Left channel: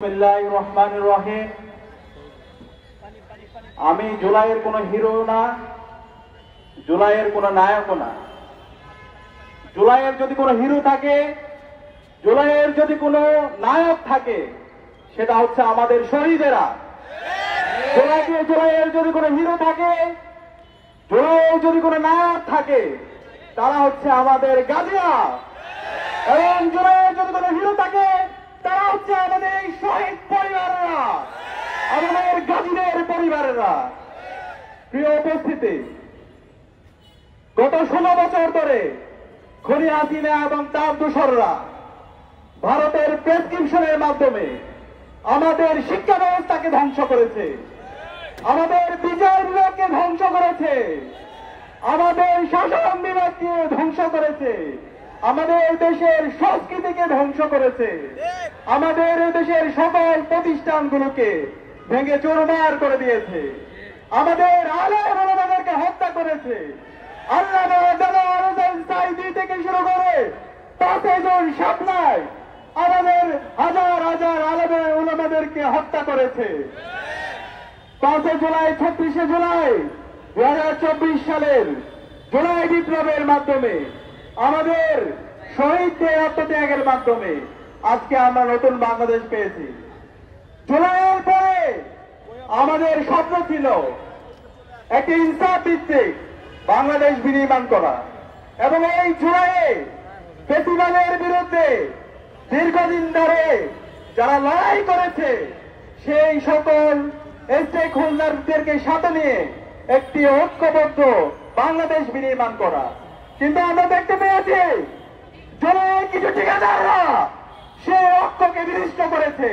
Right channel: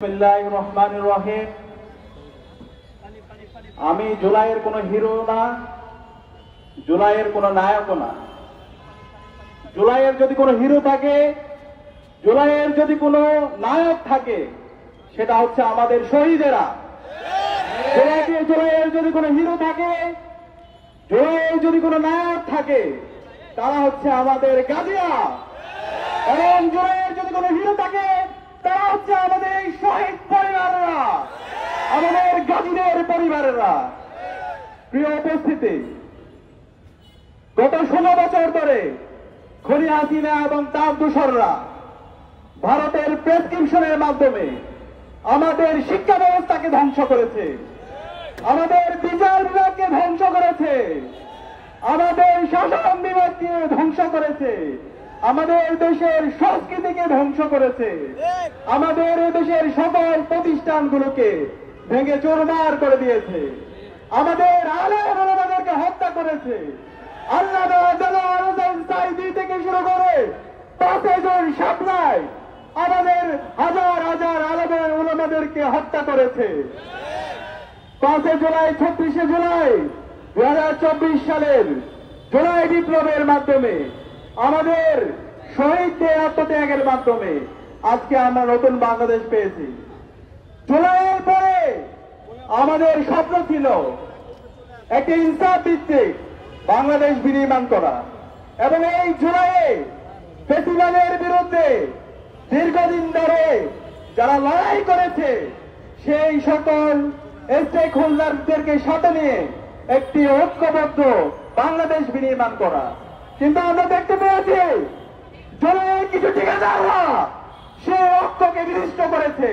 বিসমিল্লাহির রহমানির রহিম। আমি জুলাইয়ের কোনো হিরো না, জুলাইয়ের কোনো নায়কও না। জুলাইয়ের যদি কোনো হিরো থাকে, জুলাইয়ের যদি কোনো নায়ক থাকে, সেটা হচ্ছে আমাদের শহীদেরা। জুলাইয়ের যদি কোনো হিরো থাকে, জুলাইয়ের যদি কোনো নায়ক থাকে, তারা হচ্ছে আমাদের গাজীরা। এবং জুলাইয়ের যদি কোনো হিরো থাকে, তারা হচ্ছে আমাদের এই শহীদ পরিবারেরা, আমাদের গাজীদের পরিবারেরা। প্রিয় উপস্থিতি, গত 16 বছর ধরে খুনি হাসিনা এবং তার দূষররা ভারতের প্রেসক্রিপশনের মাধ্যমে আমাদের শিক্ষা ব্যবস্থাকে ধ্বংস করেছে, আমাদের বিচার বিভাগকে ধ্বংস করেছে, আমাদের শাসন বিভাগকে ধ্বংস করেছে, আমাদের দেশের সংস্কৃতিকে ধ্বংস করেছে, আমাদের দেশের সকল প্রতিষ্ঠানগুলোকে ভেঙে চুরমার করে দিয়েছে, আমাদের আলেম ওলামাদেরকে হত্যা করেছে। আল্লামা দেলোয়ার হোসেন সাঈদী থেকে শুরু করে 5 জন শাপলায় আমাদের হাজার হাজার আলেম ওলামাদেরকে হত্যা করেছে। 5 জুলাই 36 জুলাই 2024 সালের জুলাই বিপ্লবের মাধ্যমে আমাদের শহীদদের আত্মত্যাগের মাধ্যমে আজকে আমরা নতুন বাংলাদেশ পেয়েছি। জুলাইয়ের পরে আমাদের স্বপ্ন ছিল একটি ইনসাফ ভিত্তিক বাংলাদেশ বিনির্মাণ করা, এবং এই জুলাইয়ে ফ্যাসিবাদের বিরুদ্ধে দীর্ঘদিন ধরে যারা লড়াই করেছে সেই সকল স্টেক হোল্ডারদেরকে সাথে নিয়ে একটি ঐক্যবদ্ধ বাংলাদেশ বিনির্মাণ করা। কিন্তু আমরা দেখতে পেয়েছি জুলাইয়ের কিছু ঠিকাদাররা সেই ঐক্যকে বিনষ্ট করেছে।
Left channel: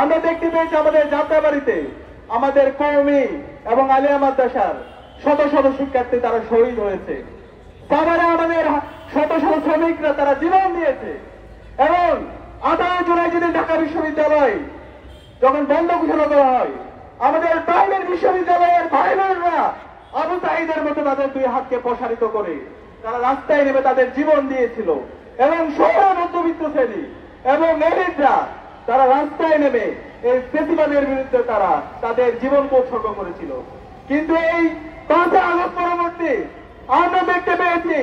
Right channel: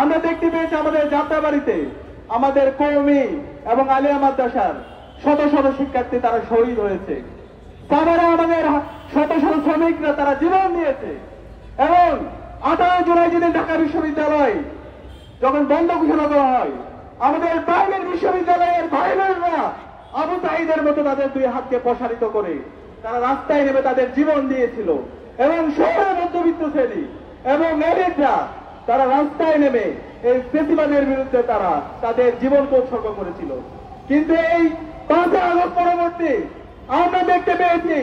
আমরা দেখতে পেয়েছি আমাদের যাত্রাবাড়িতে আমাদের কওমি এবং আলিয়া মাদ্রাসার শত শত শিক্ষার্থী তারা শহীদ হয়েছে। সাভারে আমাদের শত শত শ্রমিকরা তারা জীবন দিয়েছে। এবং 18 জুলাই যেদিন ঢাকা বিশ্ববিদ্যালয় যখন বন্ধ ঘোষণা করা হয়, আমাদের প্রাইভেট বিশ্ববিদ্যালয়ের ভাই বোনরা আবু সাঈদের মতো তাদের 2 হাতকে প্রসারিত করে তারা রাস্তায় নেমে তাদের জীবন দিয়েছিল। এবং শহরের মধ্যবিত্ত শ্রেণী এবং এলিটরা তারা রাস্তায় নেমে এই ফ্যাসিবাদের বিরুদ্ধে তারা তাদের জীবনকে উৎসর্গ করেছিল। কিন্তু এই 5 আগস্ট পরবর্তী আমরা দেখতে পেয়েছি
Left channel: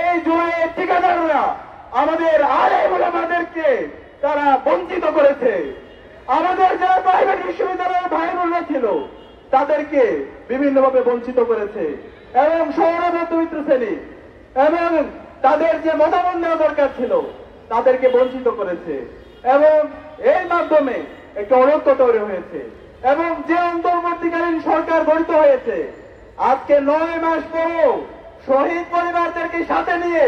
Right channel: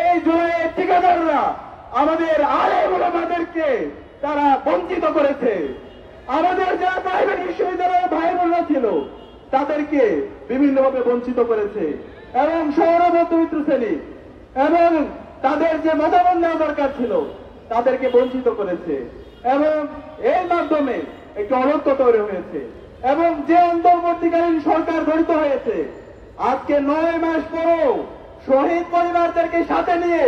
এই জুলাইয়ের ঠিকাদাররা আমাদের আলেম ওলামাদেরকে তারা বঞ্চিত করেছে। আমাদের যারা প্রাইভেট বিশ্ববিদ্যালয়ের ভাই বোনরা ছিল তাদেরকে বিভিন্নভাবে বঞ্চিত করেছে। এবং শহরের মধ্যবিত্ত শ্রেণী এবং তাদের যে মতামত নেওয়া দরকার ছিল তাদেরকে বঞ্চিত করেছে। এবং এর মাধ্যমে একটি অনৈক্য তৈরি হয়েছে। এবং যে অন্তর্বর্তীকালীন সরকার গঠিত হয়েছে, আজকে 9 মাস পরেও শহীদ পরিবারদেরকে সাথে নিয়ে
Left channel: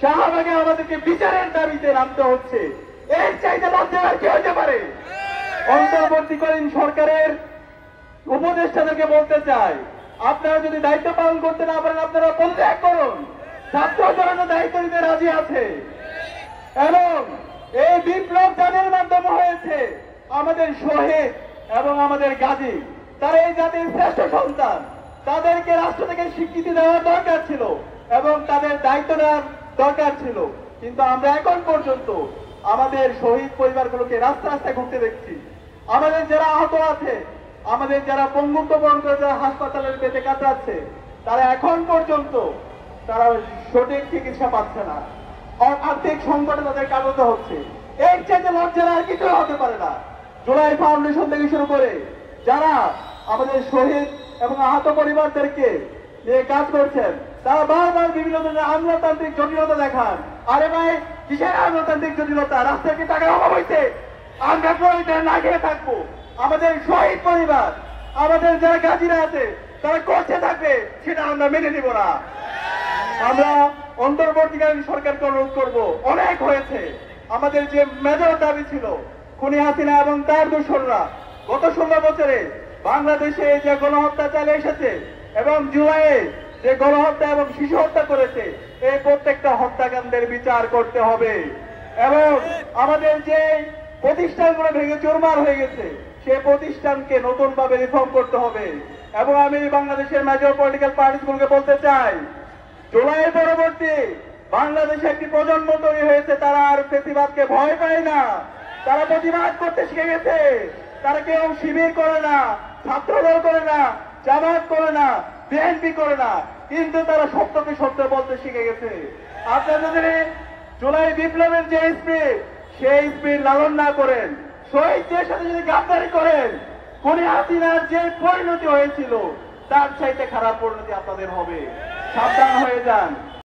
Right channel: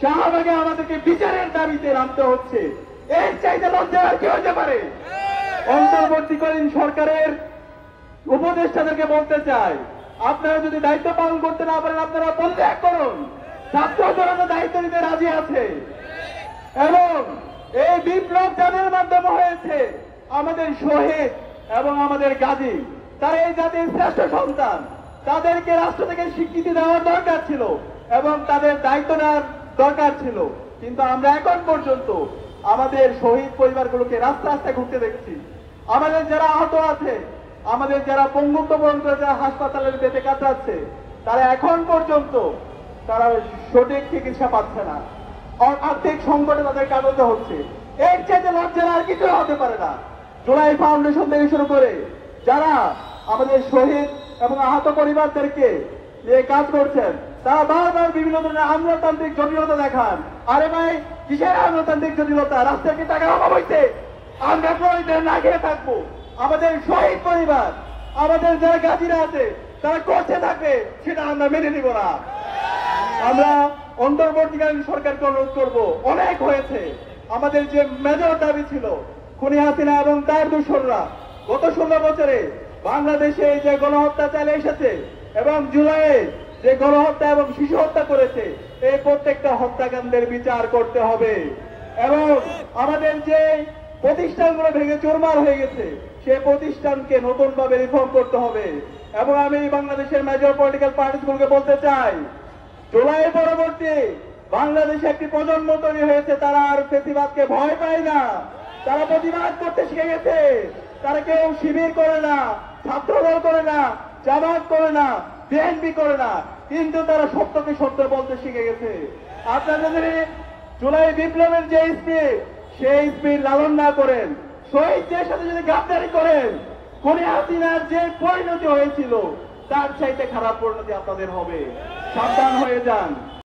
শাহবাগে আমাদেরকে বিচারের দাবিতে নামতে হচ্ছে। এর চাইতে লজ্জা আর কি হতে পারে? অন্তর্বর্তীকালীন সরকারের উপদেষ্টাদেরকে বলতে চাই, আপনারা যদি দায়িত্ব পালন করতে না পারেন আপনারা পদত্যাগ করুন। ছাত্র জনতা দায়িত্ব নিতে রাজি আছে। এবং এই বিপ্লব যাদের মাধ্যমে হয়েছে আমাদের শহীদ এবং আমাদের গাজী, তারা এই জাতির শ্রেষ্ঠ সন্তান, তাদেরকে রাষ্ট্র থেকে স্বীকৃতি দেওয়ার দরকার ছিল এবং তাদের দায়িত্ব নেওয়ার দরকার ছিল। কিন্তু আমরা এখন পর্যন্ত আমাদের শহীদ পরিবারগুলোকে রাস্তা রাস্তায় ঘুরতে দেখছি। আমাদের যারা আহত আছে, আমাদের যারা পঙ্গুত্ব বরণ করে যারা হাসপাতালের বেঁচে কাটাচ্ছে, তারা এখন পর্যন্ত তারা সঠিক চিকিৎসা পাচ্ছে না। আর্থিক সংকটে তাদের কাটাতে হচ্ছে। এর চেয়ে লজ্জার আর কিছু হতে পারে না। জুলাই ফাউন্ডেশন থেকে শুরু করে যারা আমাদের শহীদ এবং আহত পরিবারদেরকে নিয়ে কাজ করছেন, তারা বারবার বিভিন্ন ধরনের আমলাতান্ত্রিক জটিলতা দেখান। আরে ভাই, কিসের আমলাতান্ত্রিক জটিলতা? রাস্তায় কি টাকার অভাব হয়েছে? আমরা পরে না খেয়ে থাকবো? আমাদের শহীদ পরিবার, আমাদের যারা গাজীরা আছে তারা করছে থাকবে, সেটা আমরা মেনে নিব না। আমরা অন্তর্বর্তীকালীন সরকারকে অনুরোধ করবো, অনেক হয়েছে। আমাদের যে মেজর দাবি ছিল খুনি হাসিনা এবং তার দূষররা গত 16 বছরে বাংলাদেশে যে গণহত্যা চালিয়ে এসেছে এবং জুলাইয়ে যে গণহত্যা এবং শিশু হত্যা করেছে, এই প্রত্যেকটা হত্যাকাণ্ডের বিচার করতে হবে। এবং আমাদের যে প্রতিষ্ঠানগুলো ভেঙে চুরমার হয়ে গেছে সেই প্রতিষ্ঠানকে নতুন ভাবে রিফর্ম করতে হবে। এবং আমি বাংলাদেশের মেজর পলিটিক্যাল পার্টিগুলোকে বলতে চাই, জুলাইয়ের পরবর্তী বাংলাদেশে একটি প্রজন্ম তৈরি হয়েছে, তারা আর ফ্যাসিবাদকে ভয় পায় না, তারা প্রতিবাদ করতে শিখে গেছে। তারা কেউ শিবির করে না, ছাত্রদল করে না, জামাত করে না, বিএনপি করে না, কিন্তু তারা সত্যকে সত্য বলতে শিখে গেছে। আপনারা যদি জুলাই বিপ্লবের যে স্পিড, সেই স্পিড লালন না করেন, শহীদদের সাথে যদি গাদ্দারি করেন, খুনি হাসিনার যে পরিণতি হয়েছিল তার চাইতে খারাপ পরিণতি আপনাদের হবে। সাবধান হয়ে যান।